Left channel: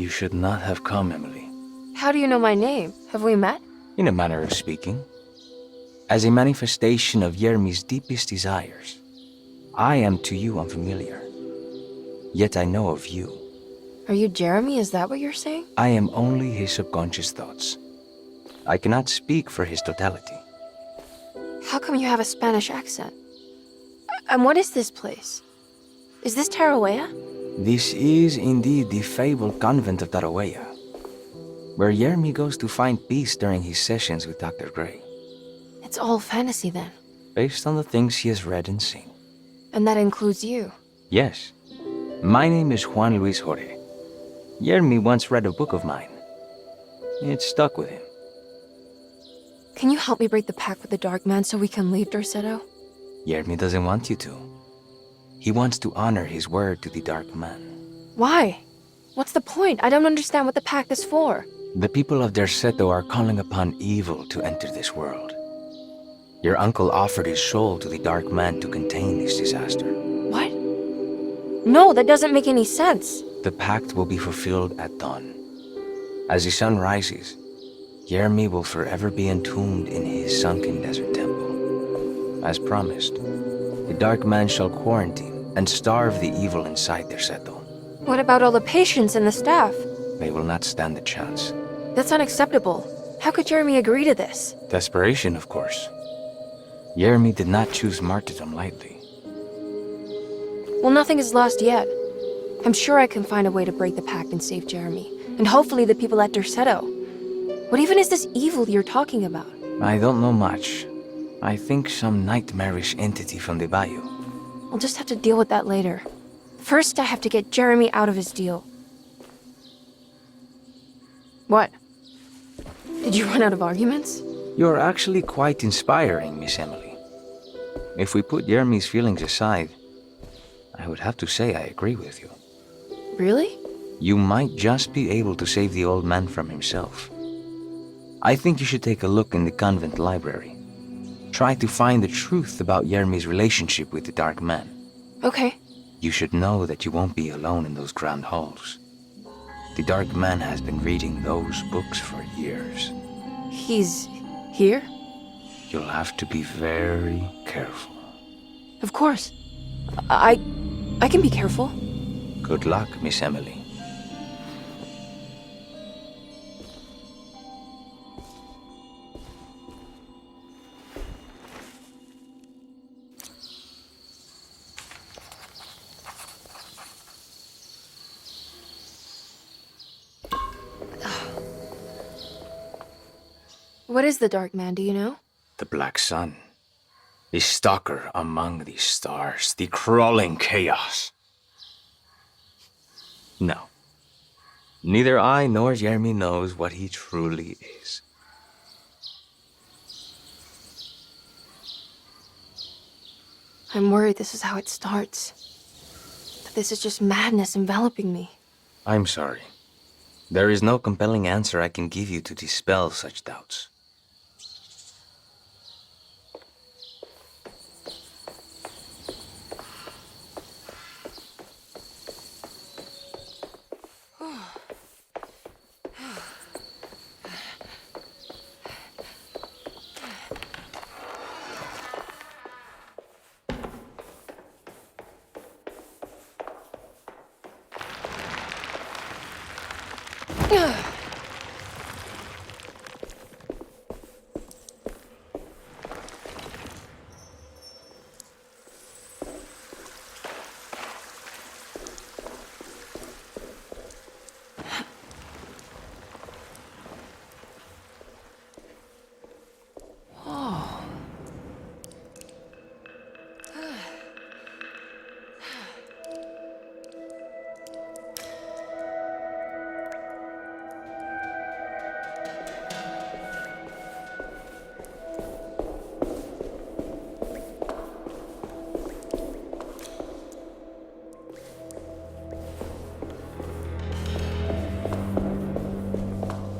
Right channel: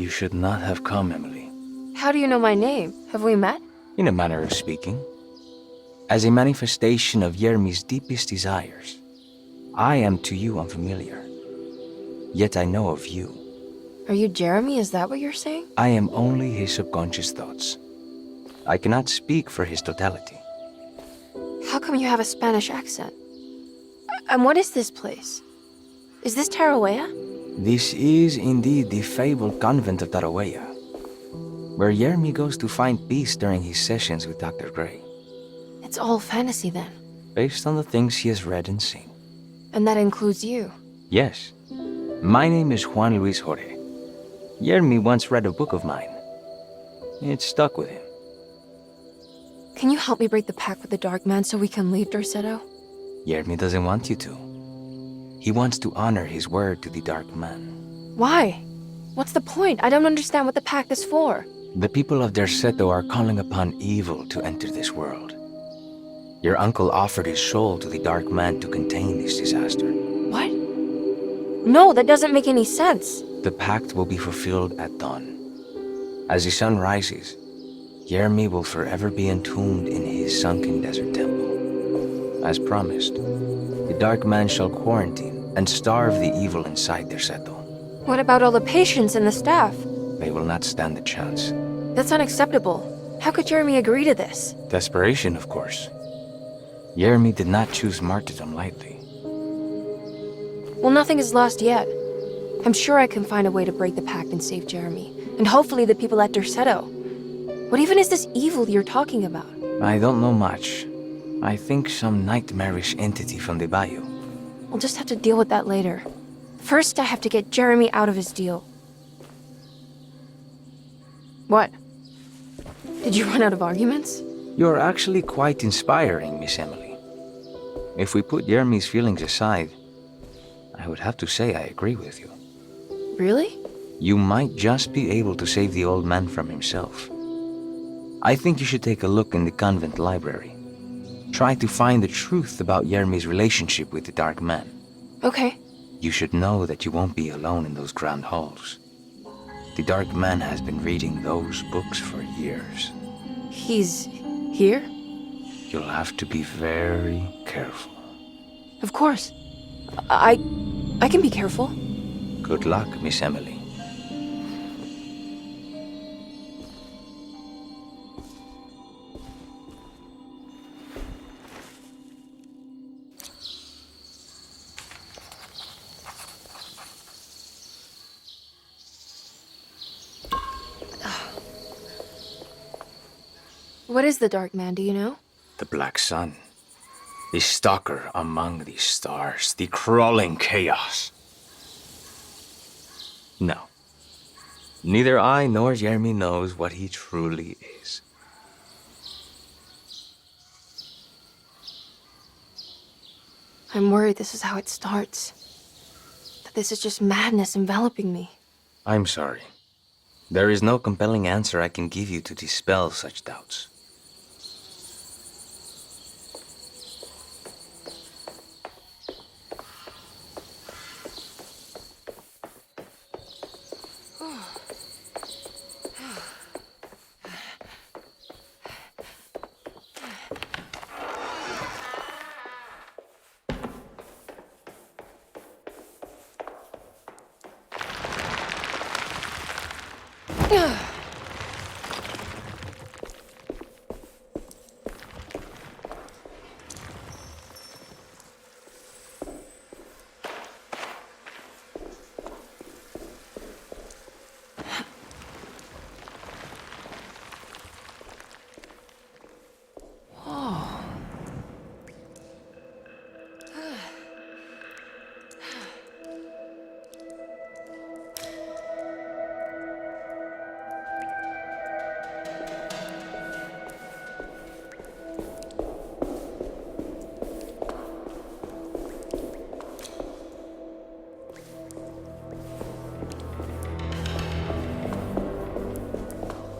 You should not have come, Emily. How do you know my name? Have we met? In a manner of speaking. As a manifestation of Yermi's deepest desires, I am to you unfamiliar. Yet I know of you. Are you Jeremy? Is that what you're saying? I am only his subconscious thoughts. I cannot speak for his totality. How come you have a Spanish accent? And what is this place? Is this Tarawea? This is indeed the fabled convent of Tarawea, where Yermi goes to find peace during his sessions with Dr. Gray. It's all fantasy then. Based on the things he has read and seen. And that includes you. Yes. My name is Juan Luis Jorge. Yermi once read a book of mine. It stuck with him. Can you help me break the pact with the Dark Man so we can leave Dorsetto? Yermi doesn't want you to. He wants to honor his word to the Dark Man. Why? What's the point? I don't understand what the pact is for. The people of Dorsetto are calling upon evil to enter this world. Your uncle offered his soul to the Dark Man to contain this disaster. What? No, that doesn't make any sense. The pact will be fulfilled at dawn. As the sun rises, Yermi will forever be entombed in his sunken desert temple. As promised, the Dark Man shall quarantine and starve the evil inside Dorsetto. What about all the patients and the staff? They will not stand a chance. That's unacceptable. How could Jeremy agree to this? Desperation, of course. Yermi did not choose martyrdom lightly. Well, nothing is lost yet. I'm sure I can find a way to break the pact and save Jeremy. And hopefully the people at Dorsetto. What even is this evil you're talking about? I don't know much. I think some nightmarish entity from the bayou. I'll just have to deal with that later. First, I have to get Jeremy out of his deal. What? Did you run out of arguments? You're actually quite inspiring, Miss Emily. If we put Yermi's feelings aside, I would have to say I agree with you. Really? You might just be able to save the old man from himself. I think you should take a look in the convent library. Try to find the truth about Yermi's relationship with the Dark Man. Okay. You should know that you won't be alone in those grand halls. The Dark Man has been reading those books for years. He's here? You'll have to be very careful. Of course. I can be careful. Good luck, Miss Emily. What is the Dark Man, do you know? The Black Sun. The stalker among the stars. The crawling chaos. No. Neither I nor Jeremy knows what he truly is. I'm worried this is how it starts. That this is just madness enveloping me. I'm sorry. There is no compelling answer I can give you to dispel such doubts.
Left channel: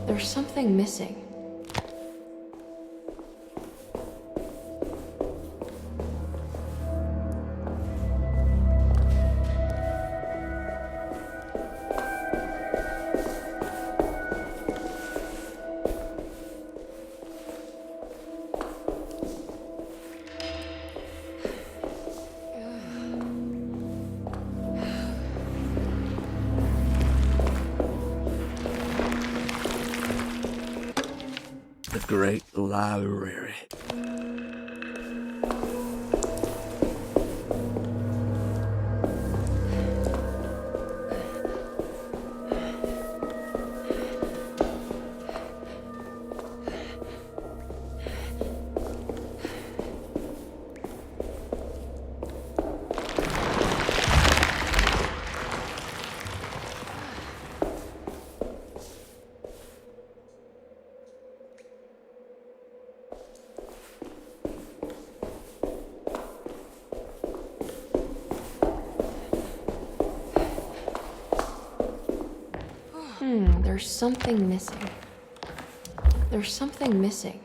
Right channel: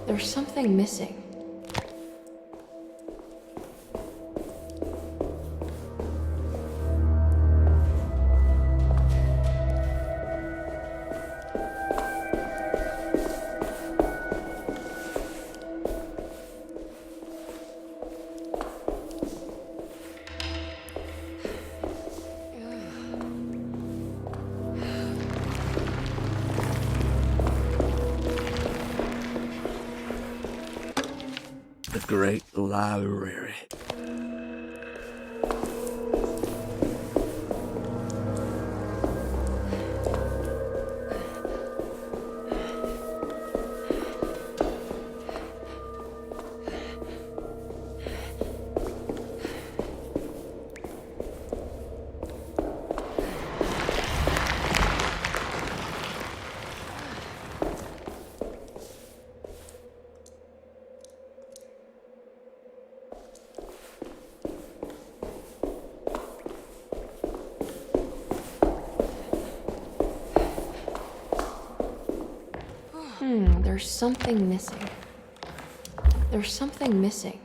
There's something missing. The Great Library. There's something missing. There's something missing.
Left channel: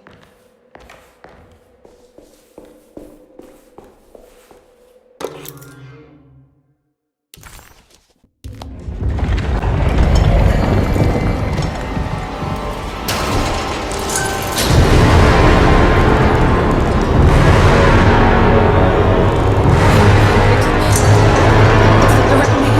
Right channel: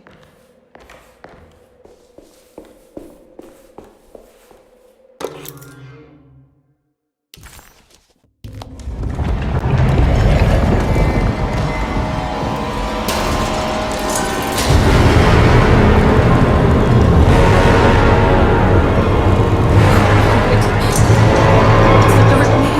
It's the dark man.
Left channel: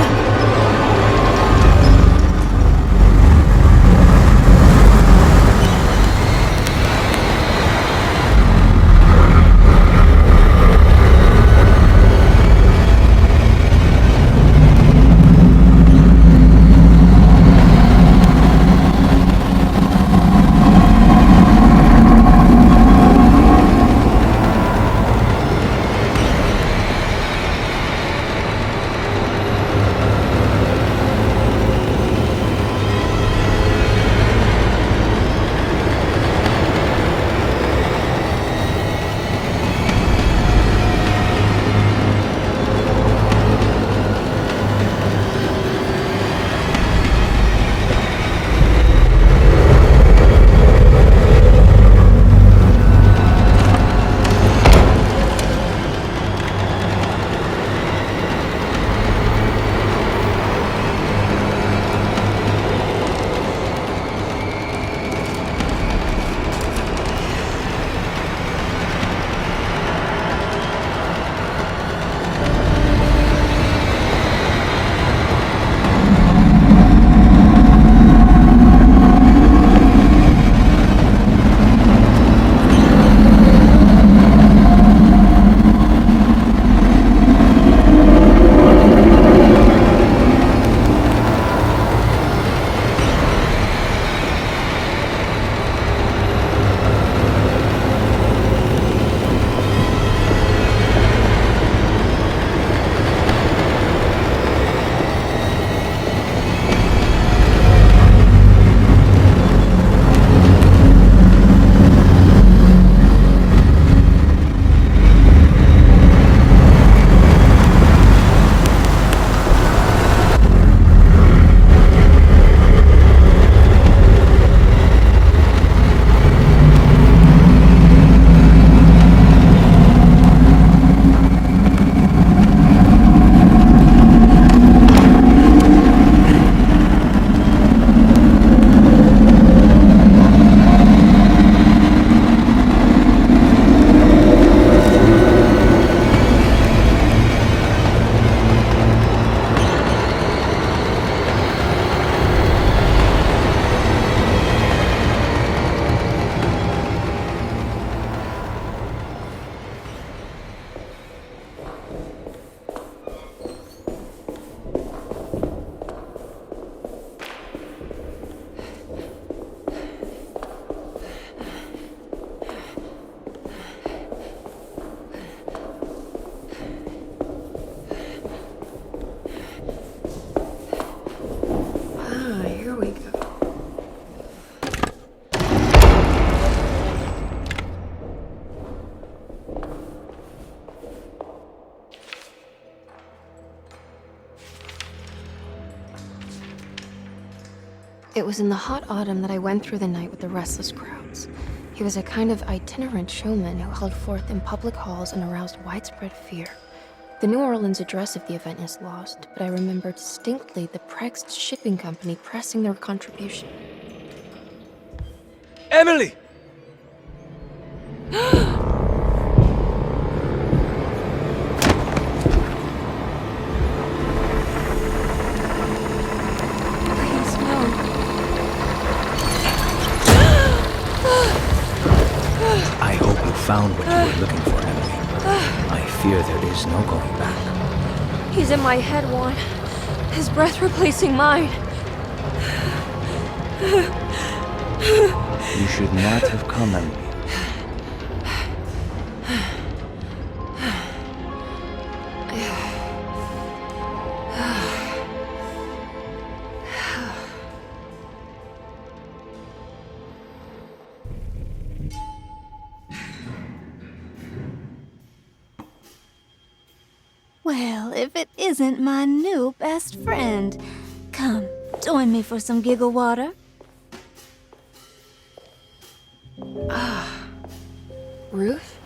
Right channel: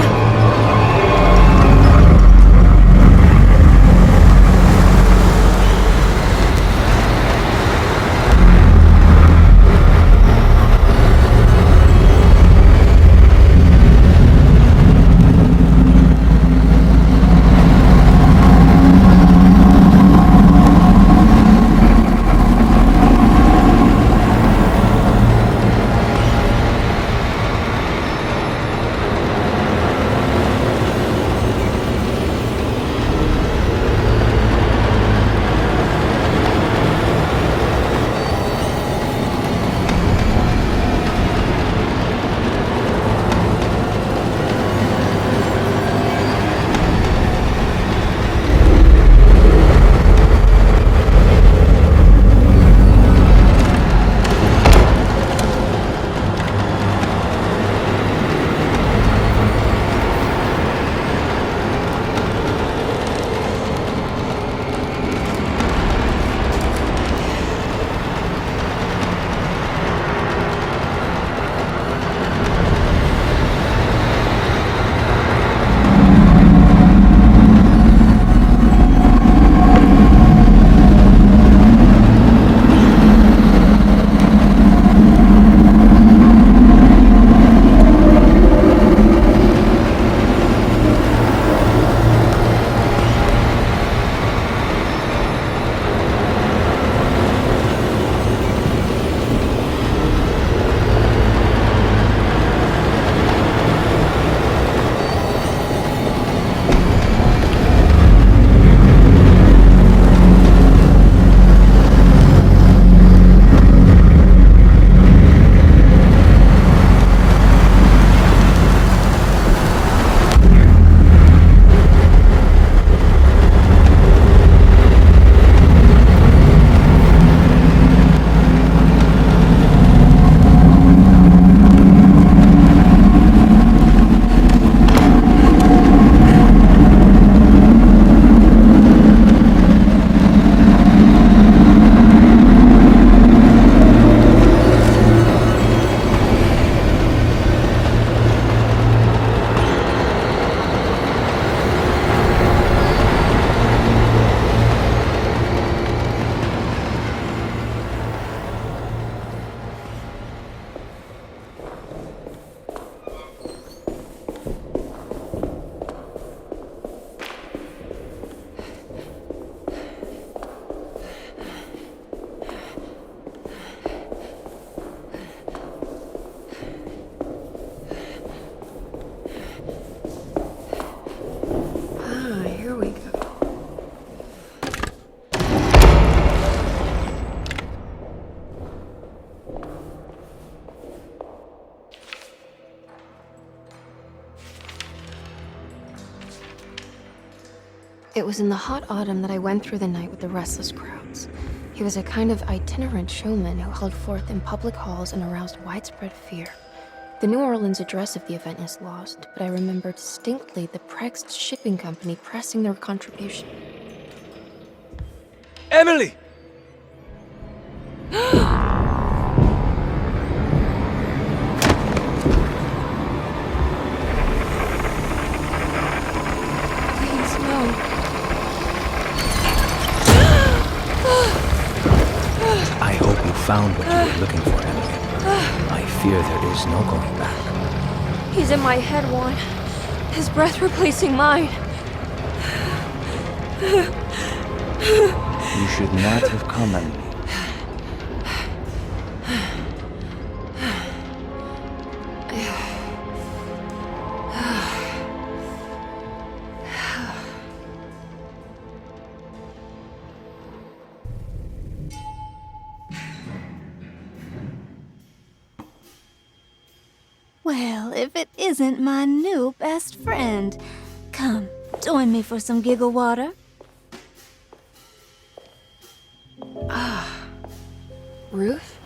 Here we go. It was in the hot autumn that I went through the night with the restless crowds. He was a kind of itinerant showman who held forth in public halls and aroused widespread fear. The New Orleans address of the event is lost, but I remember distinctly the Prext shipping company pressing their contribution. Emily! Please, no. found what you were looking for, Emily. I fear there is no going back. He's in my head, Juan. His breath replacing mine. You should not have come, Emily. Well, if it isn't my new best friend. Come, join me for some giggle water. Ruth?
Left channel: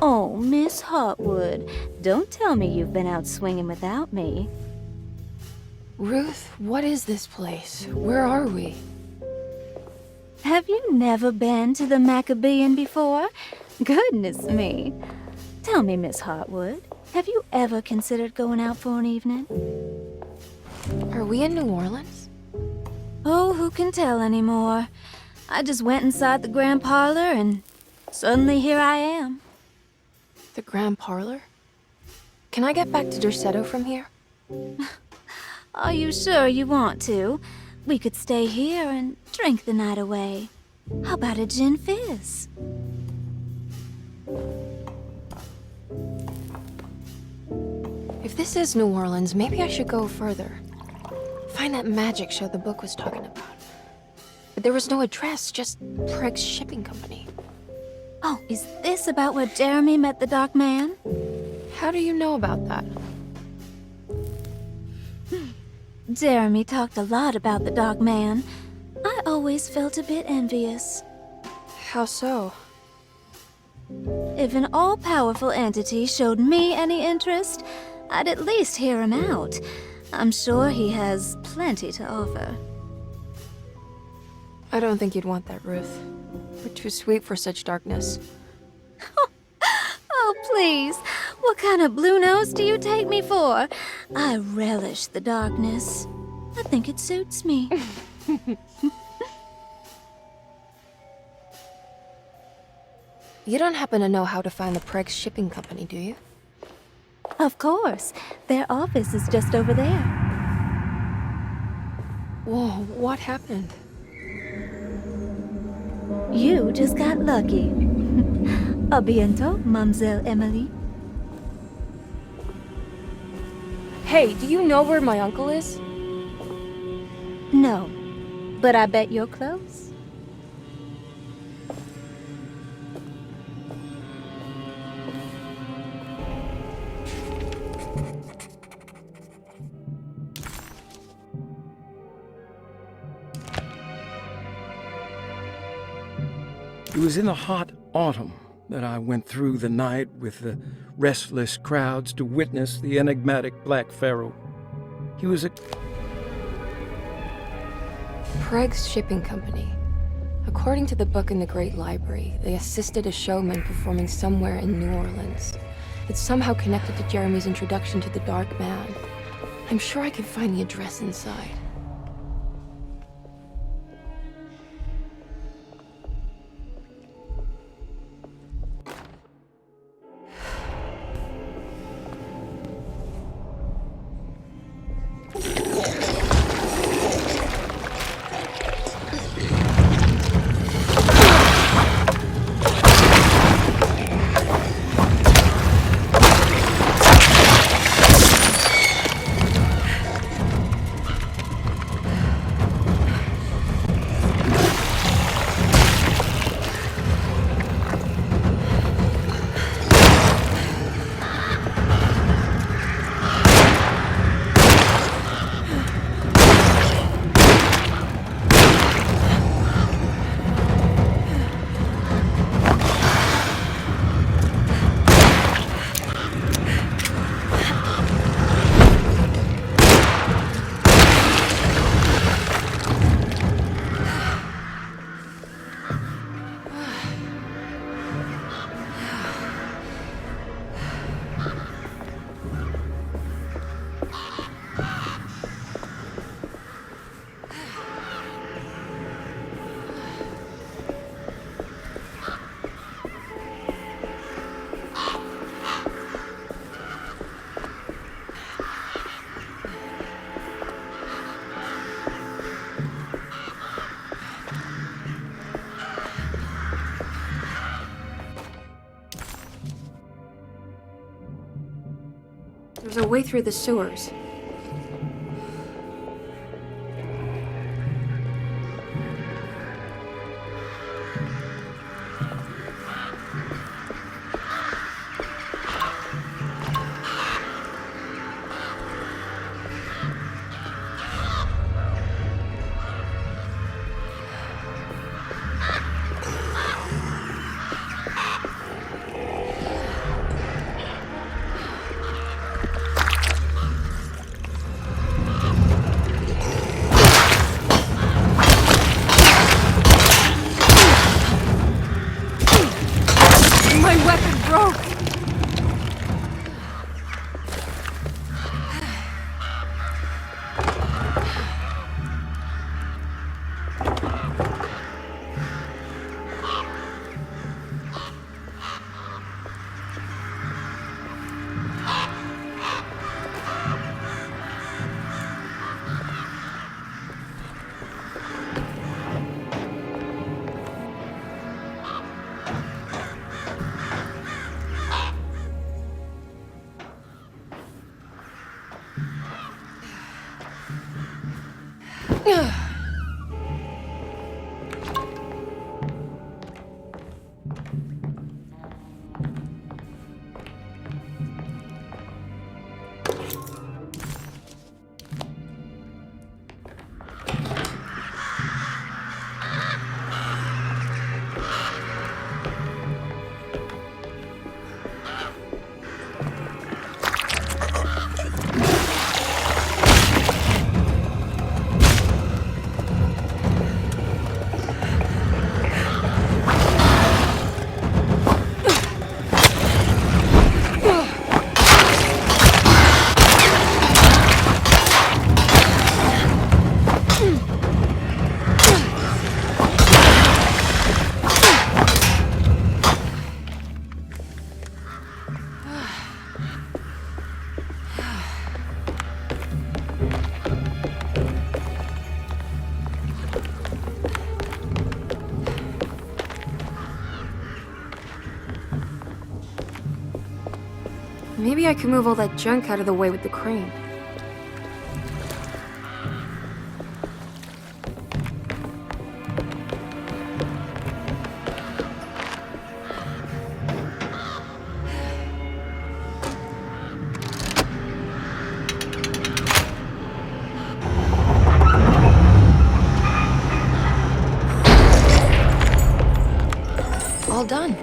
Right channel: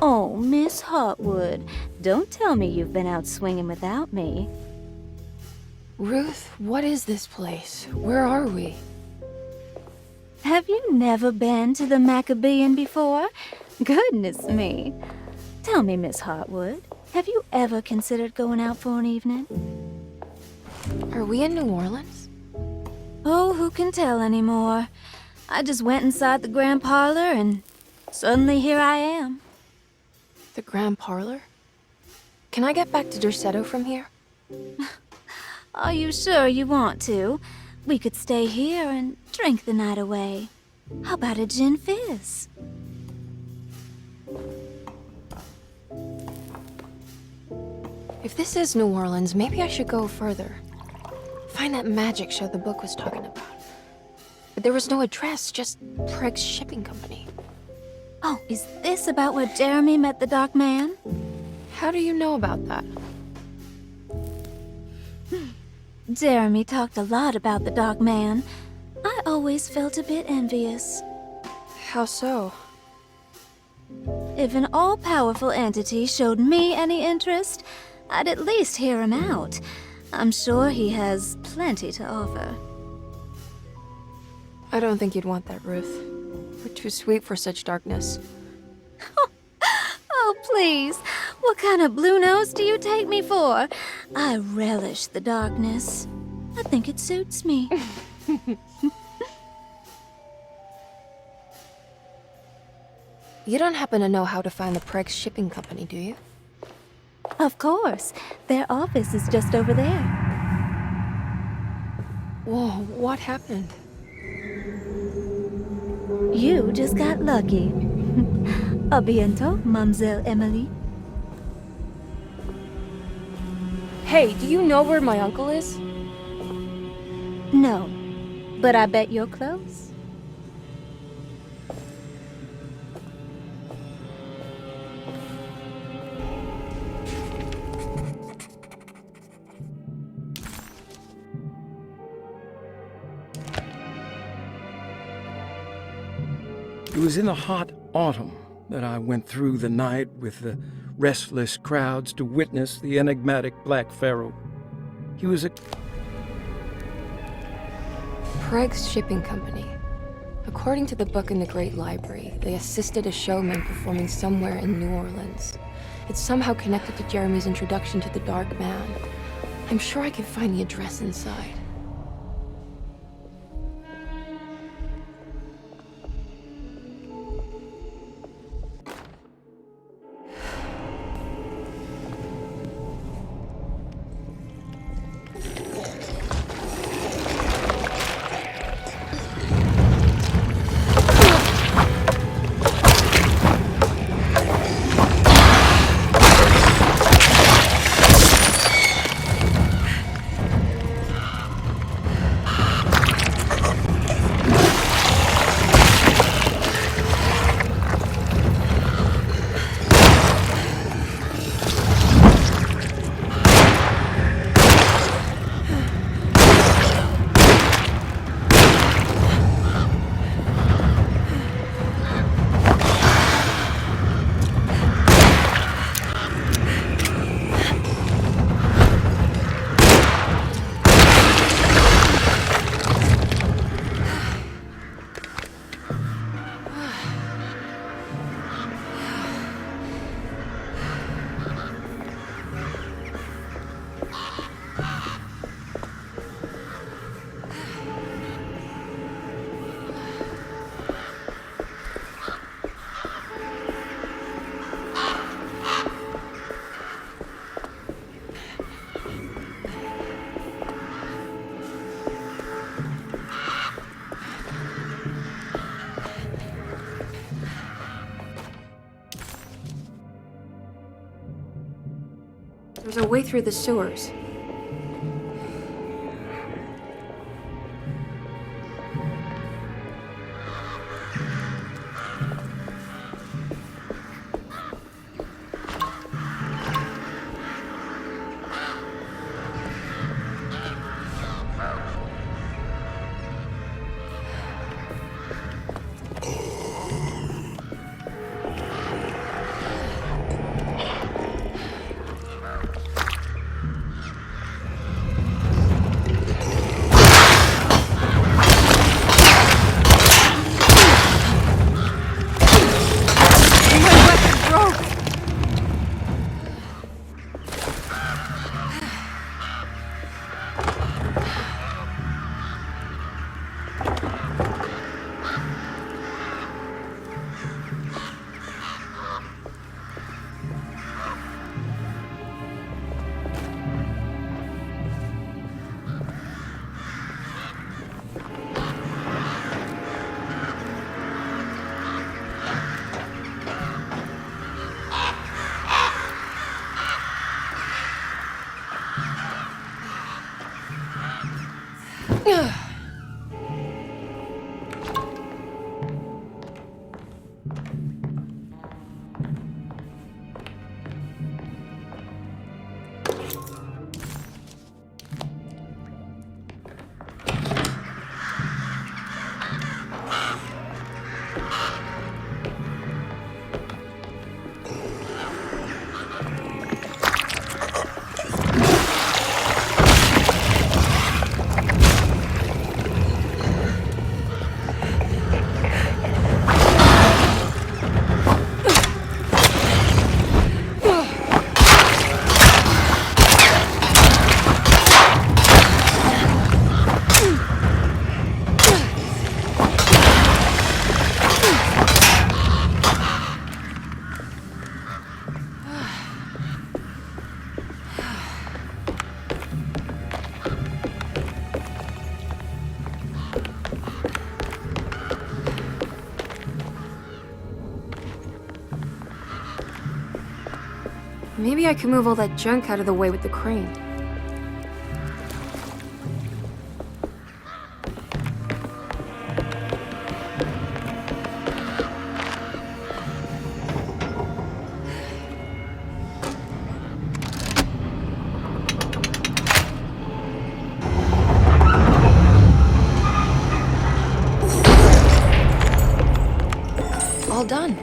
Oh, Miss Hotwood, don't tell me you've been out swinging without me. Ruth, what is this place? Where are we? Have you never been to the Maccabean before? Goodness me. Tell me, Miss Hotwood, have you ever considered going out for an evening? Are we in New Orleans? Oh, who can tell anymore? I just went inside the grand parlor and suddenly here I am. The Grand Parlor? Can I get back to Derceto from here? Are you sure you want to? We could stay here and drink the night away. How about a gin fizz? If this is New Orleans, maybe I should go further. Find that magic show the book was talking about. But there was no address, just Prigg's Shipping Company. Oh, is this about where Jeremy met the Dark Man? How do you know about that? Jeremy talked a lot about the Dark Man. I always felt a bit envious. How so? If an all-powerful entity showed me any interest, I'd at least hear him out. I'm sure he has plenty to offer. I don't think you'd want that, Ruth. We're too sweet for such darkness. Oh, please. What kind of blue nose do you take me for? I relish the darkness. I think it suits me. You don't happen to know how to find the Prigg's Shipping Company, do you? Of course. Their office is just over there. Whoa, what happened? You just got lucky. A bientôt, Mademoiselle Emily. Hey, do you know where my uncle is? No, but I bet you're close. It was in the hot autumn that I went through the night with the restless crowds to witness the enigmatic Black Pharaoh. He was a... Prigg's Shipping Company. According to the book in the Great Library, they assisted a showman performing somewhere in New Orleans. It's somehow connected to Jeremy's introduction to the Dark Man. I'm sure I can find the address inside. There's a way through the sewers. Maybe I can move all that junk out of the way with the crane. All done.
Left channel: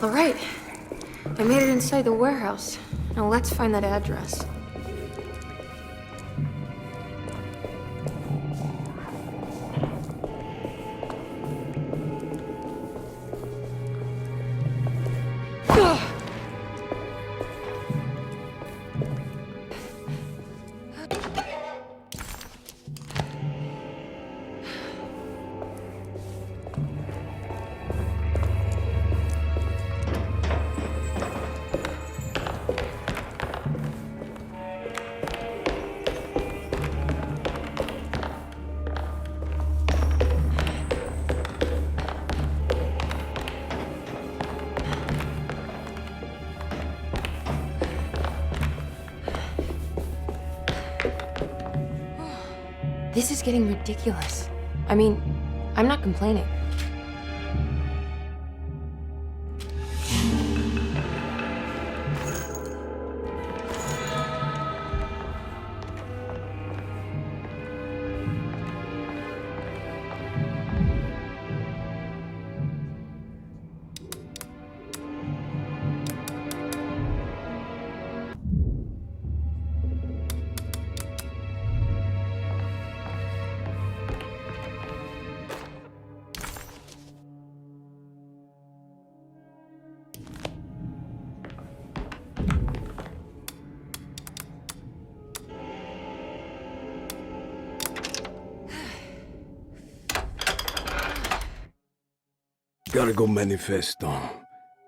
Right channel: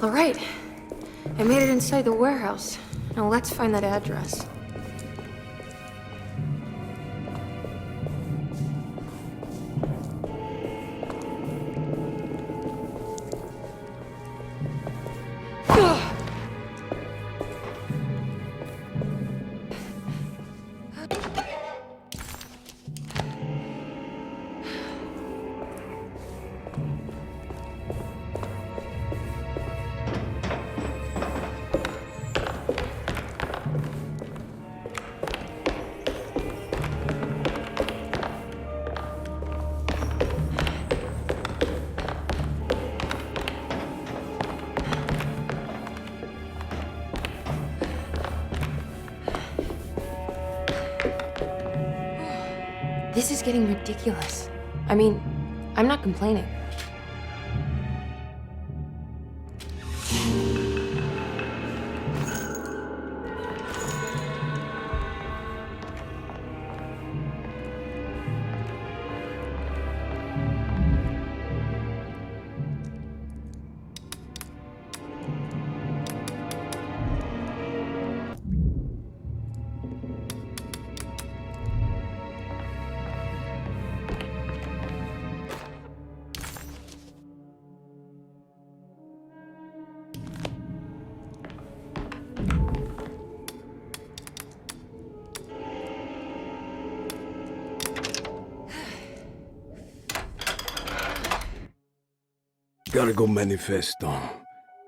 All right. I made it inside the warehouse. Now let's find that address. This is getting ridiculous. I mean, I'm not complaining. Cargo Manifesto,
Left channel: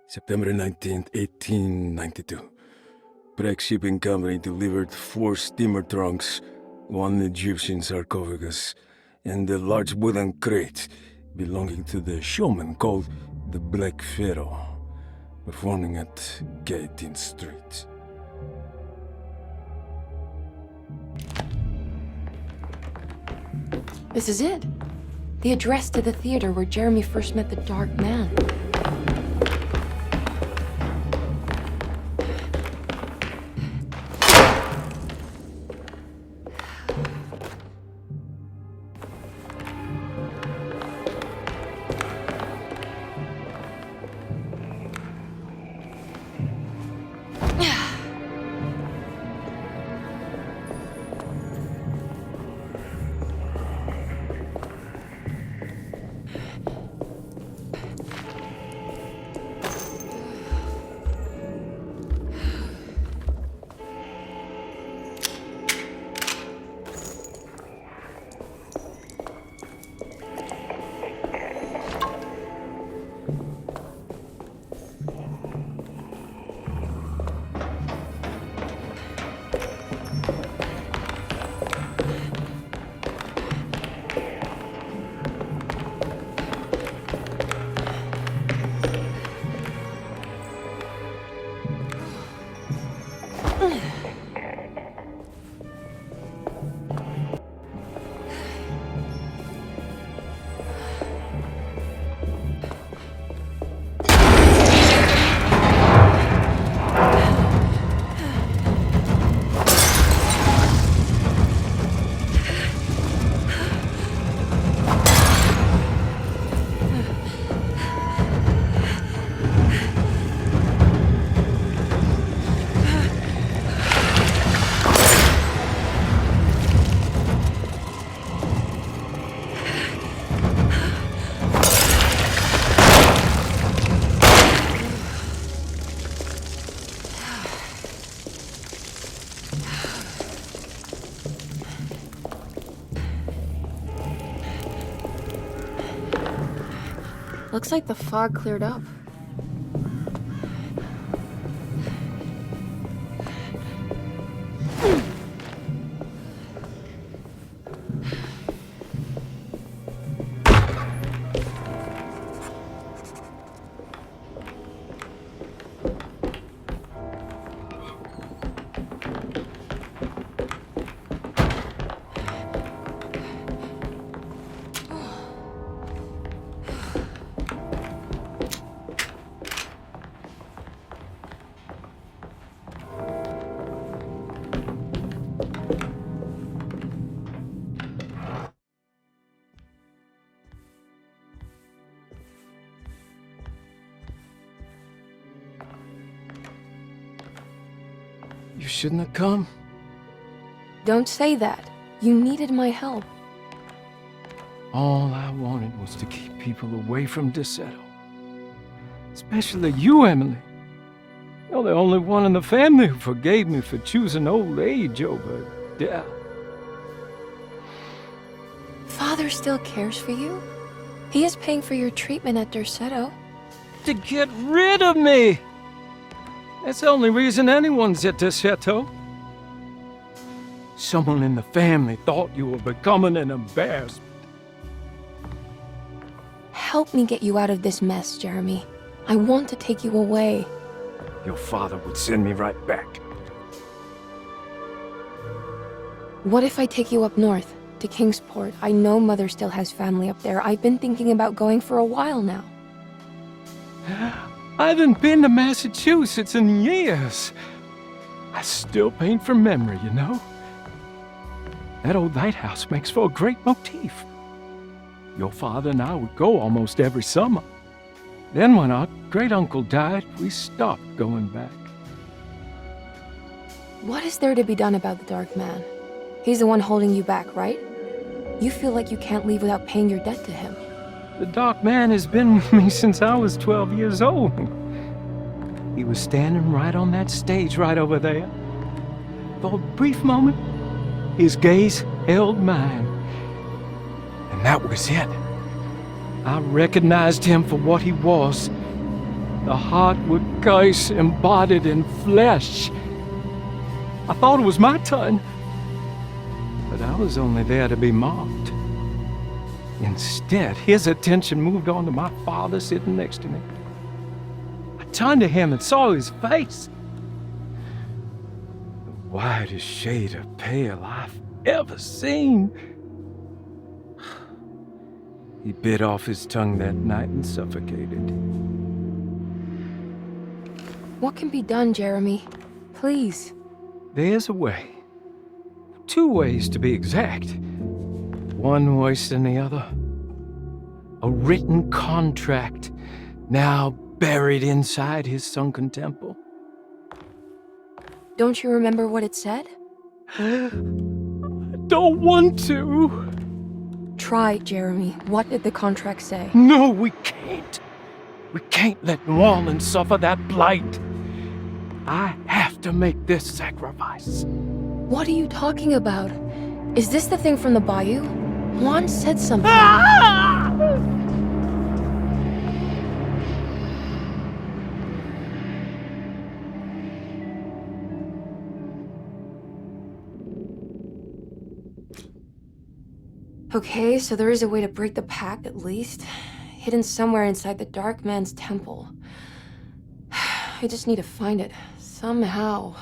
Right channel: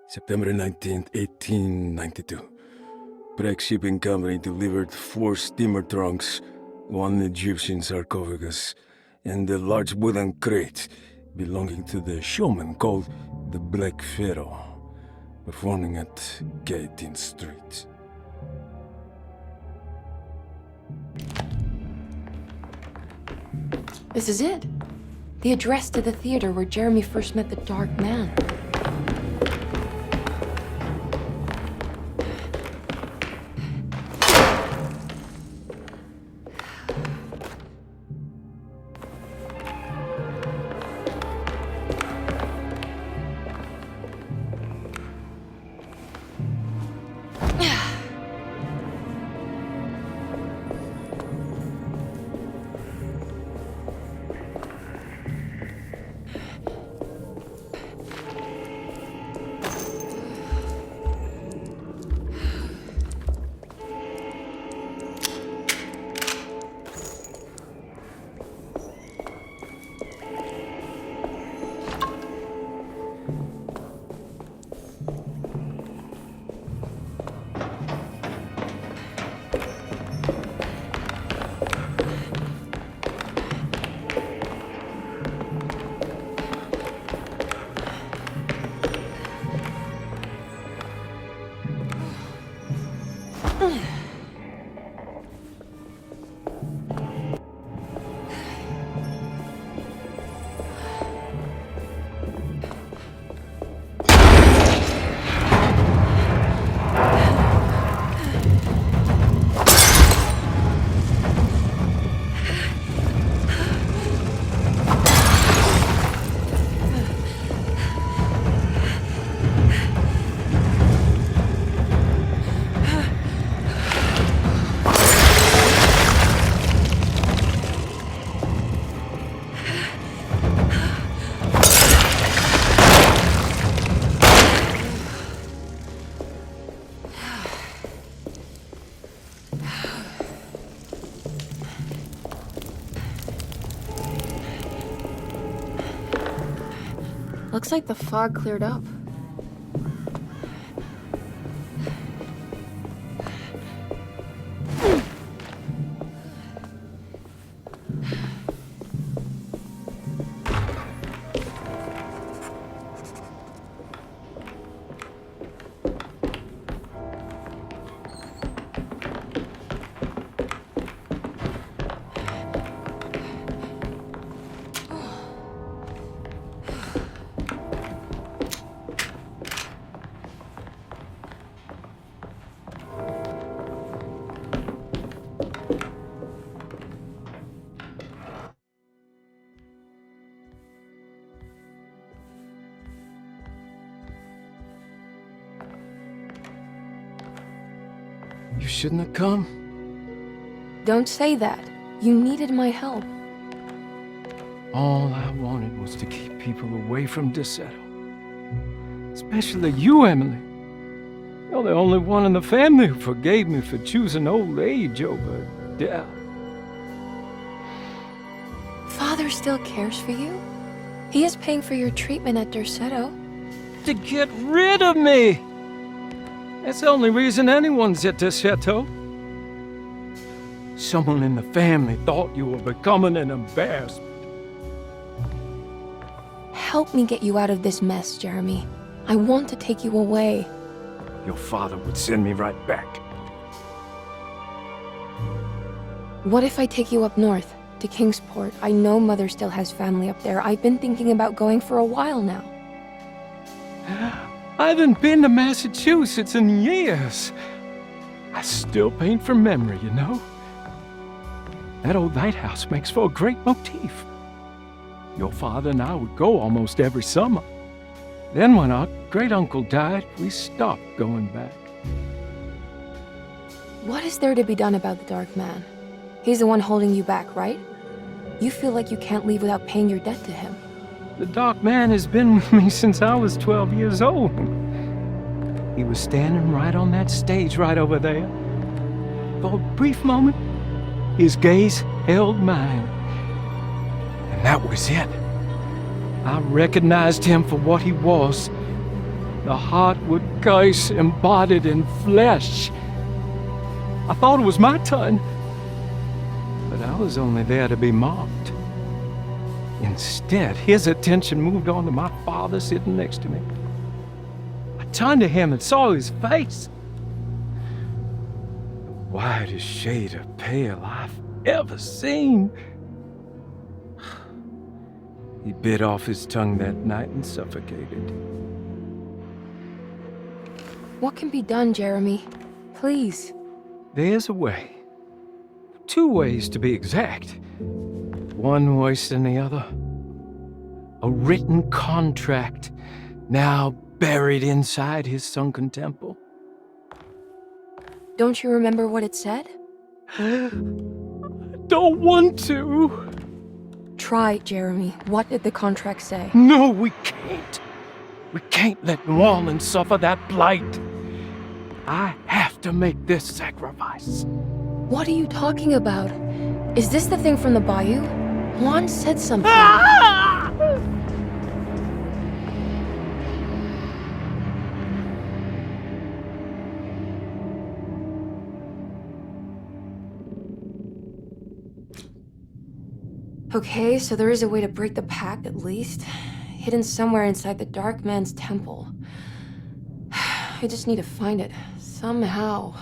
September 19th, 1892. Breck Shipping Company delivered 4 steamer trunks, 1 Egyptian sarcophagus, and a large wooden crate belonging to the showman called the Black Pharaoh, performing at K18th Street. This is it. The address to the theater where Jeremy first met the Dark Man. Looks like the fog cleared up. shouldn't have come? Don't say that. You needed my help. All I wanted was to keep people away from Desetto. Especially you, Emily. You're the only one in the family who forgave me for choosing old age over death. Father still cares for you? He is paying for your treatment at Derceto. To get rid of me! That's the only reason anyone's at Desetto. Someone in the family thought you were becoming an embarrassment. Help me get you out of this mess, Jeremy. I want to take you away. Your father would send me right back. What if I take you up north, to Kingsport? I know Mother still has family up there. I've been thinking about going for a while now. I haven't been to Massachusetts in years. I still paint from memory, you know. That old lighthouse makes for a great motif. Your father and I would go almost every summer. Then when our great-uncle died, we stopped going back. What is there to be done about the Dark Man? He's the one holding you back, right? You feel like you can't leave without paying your debt to him. The Dark Man has been with me since I was 12 years old. He was standing right on that stage right over there. For a brief moment, his gaze held mine. And that was it. I recognized him for what he was. The Heartwood curse embodied in flesh. I thought it was my turn. But I was only there to be mocked. Instead, his attention moved on to my father sitting next to me. I turned to him and saw his face. The whitest shade of pale I've ever seen. He bit off his tongue that night and suffocated. What can be done, Jeremy? Please. There's a way. 2 ways to be exact. One worse than the other. A written contract, now buried inside his sunken temple. Don't you remember what it said? I don't want to. Try, Jeremy. What did the contract say? No, we can't. We can't let New Orleans suffer that blight. I have to make this sacrifice. What are you talking about? Is this the thing from the bayou? Juan said something. Okay, so there is a way to break the pact, at least. Hidden somewhere inside the Dark Man's temple. I just need to find it, somehow.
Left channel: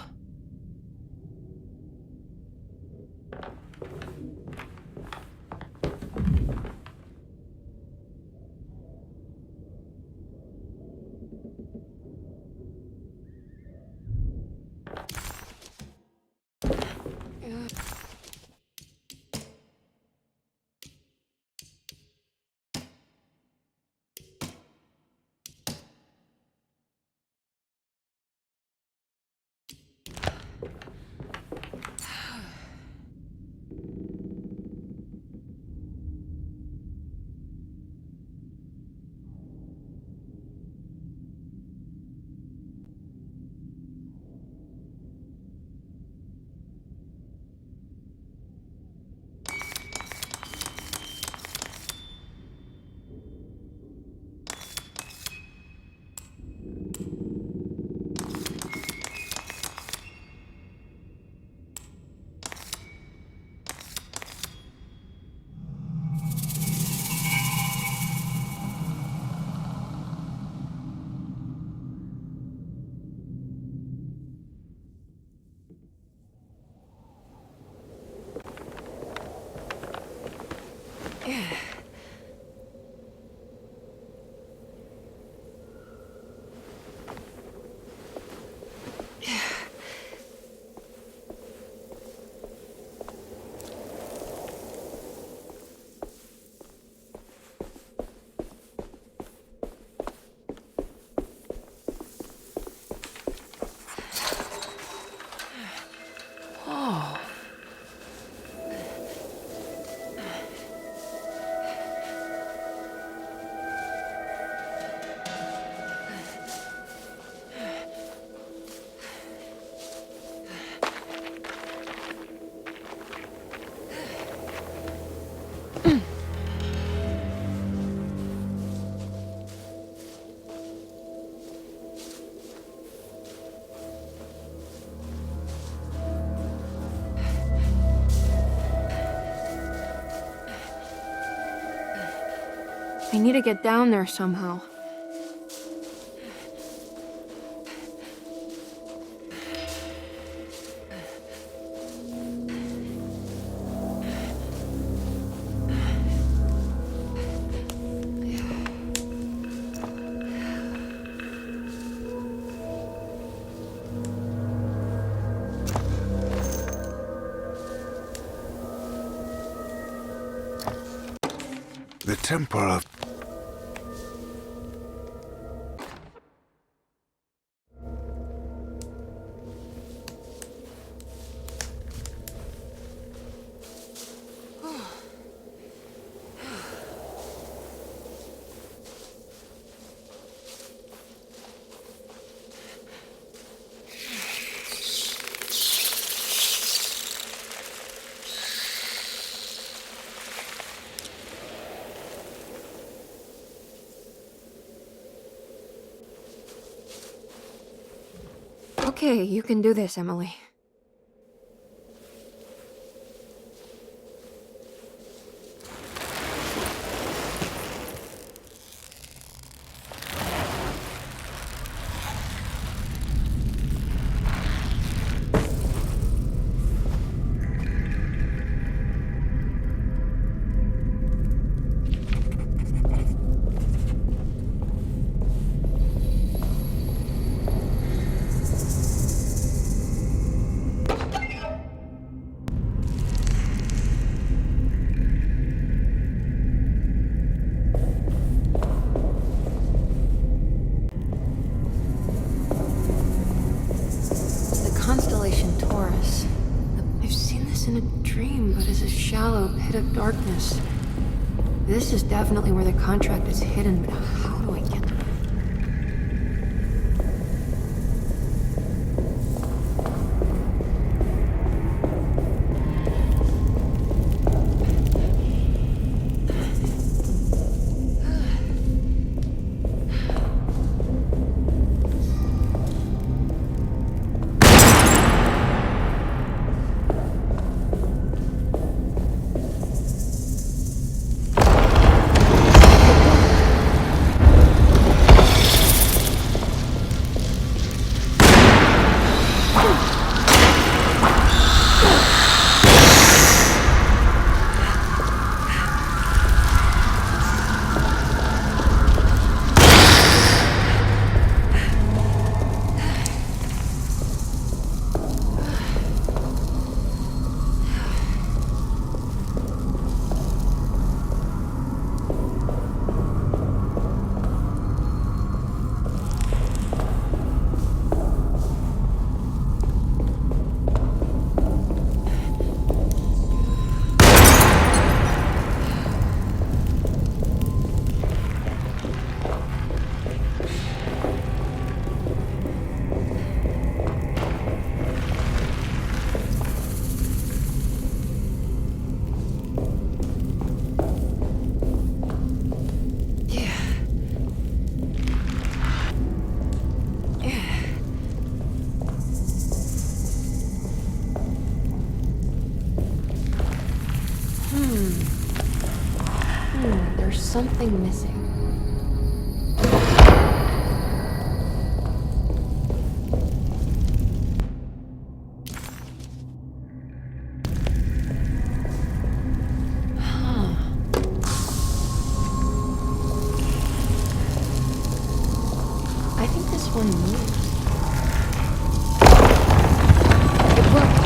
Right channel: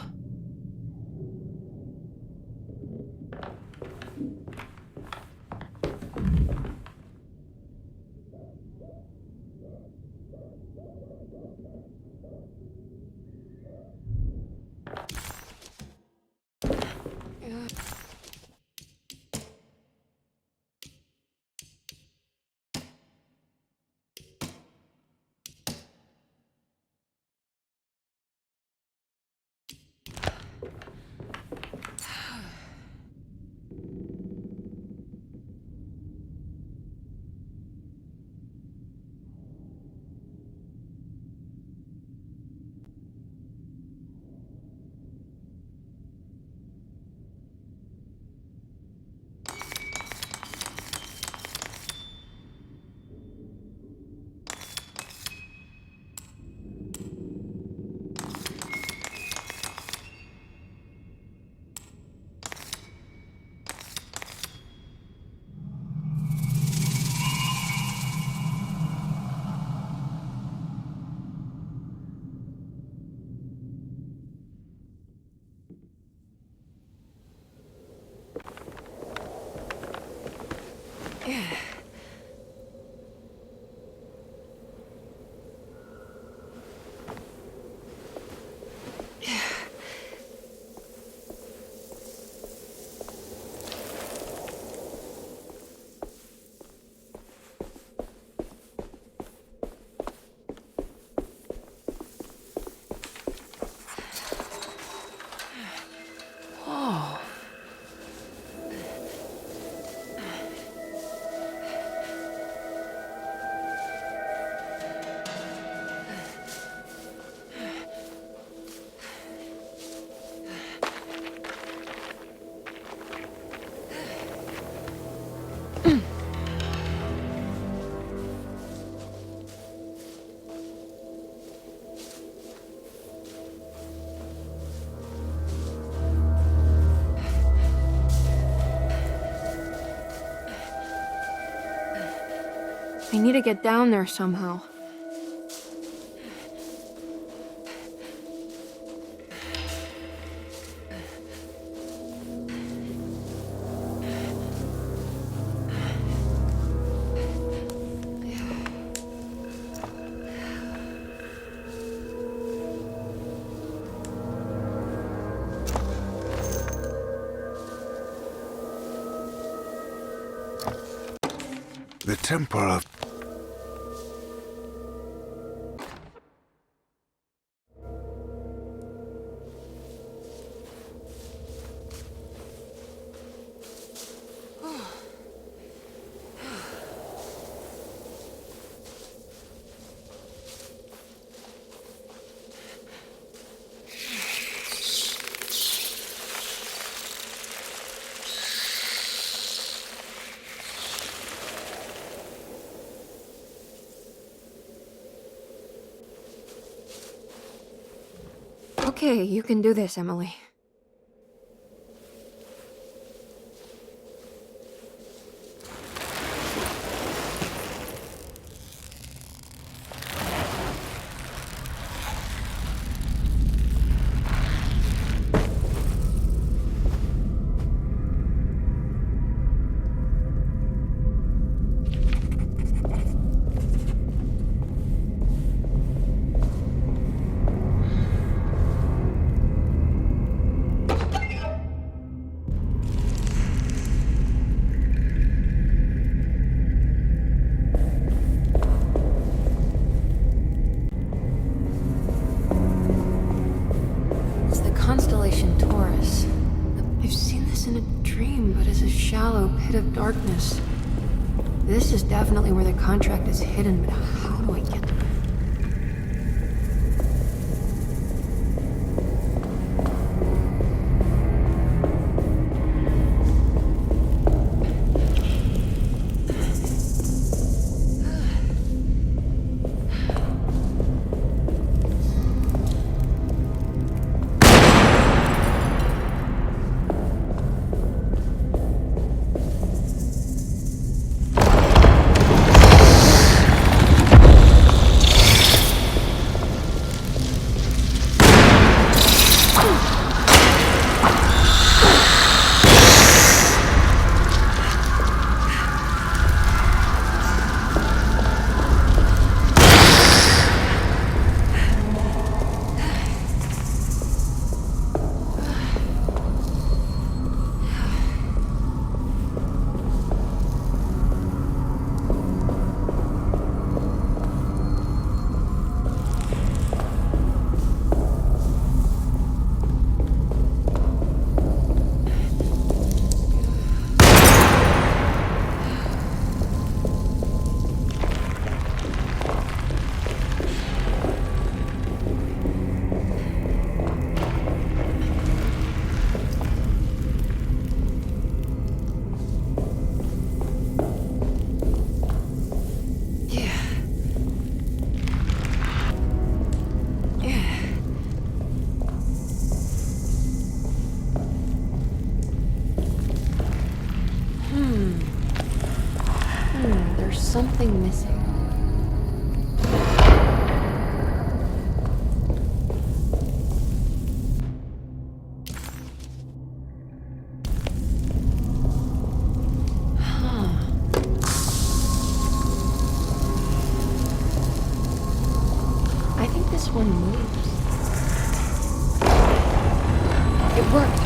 I need to get down there somehow. The Temple of... Okay, you can do this, Emily. Constellation Taurus. I've seen this in a dream, but as a shallow pit of darkness. This is definitely where the contract is hidden, but how do I get there? There's something missing. I think this one moves. It worked.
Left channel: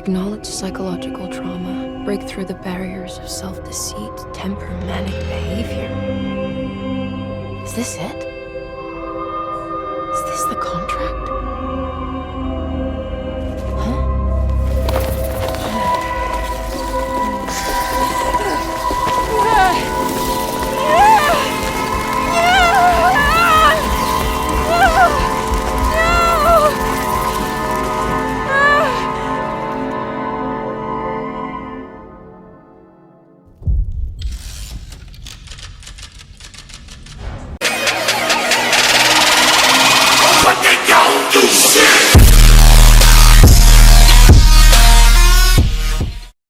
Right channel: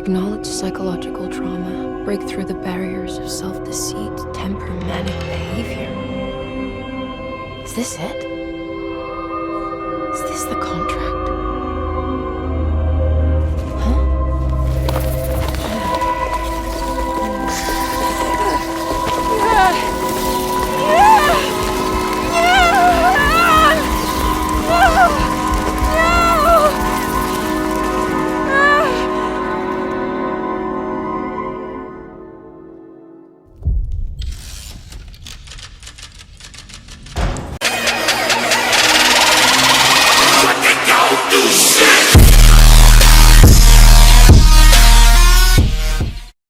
Acknowledge psychological trauma, break through the barriers of self-deceit, temper manic behavior. Is this it? Is this the contract?